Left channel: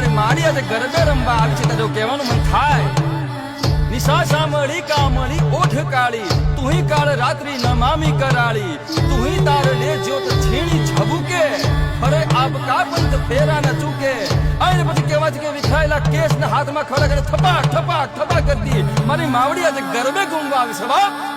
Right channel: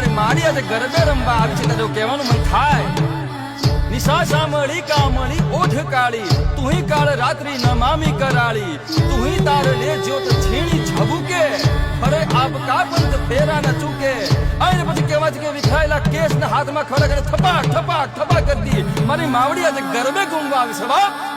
મારી માડી આજે ગરબે રમવા આવી છે તો કહેવાનું મન થાય નિશા સામળી કામળી ઓઠ કાળી તુહી કાળ રાત્રિ નમામી કરાળી તુહી તાર લે જ્યોત છીણી ઝબુકે અરે આપકા પંથ ફેરા ન ચૂકે અને પછી કહેવા છે કે વિખરાયેલા કેસ ના હાથમાં ખડા કરે થપાક થપાક થપાક કરતી મારી માવડી આજે ગરબે ઘૂમવા આવી છે બાપ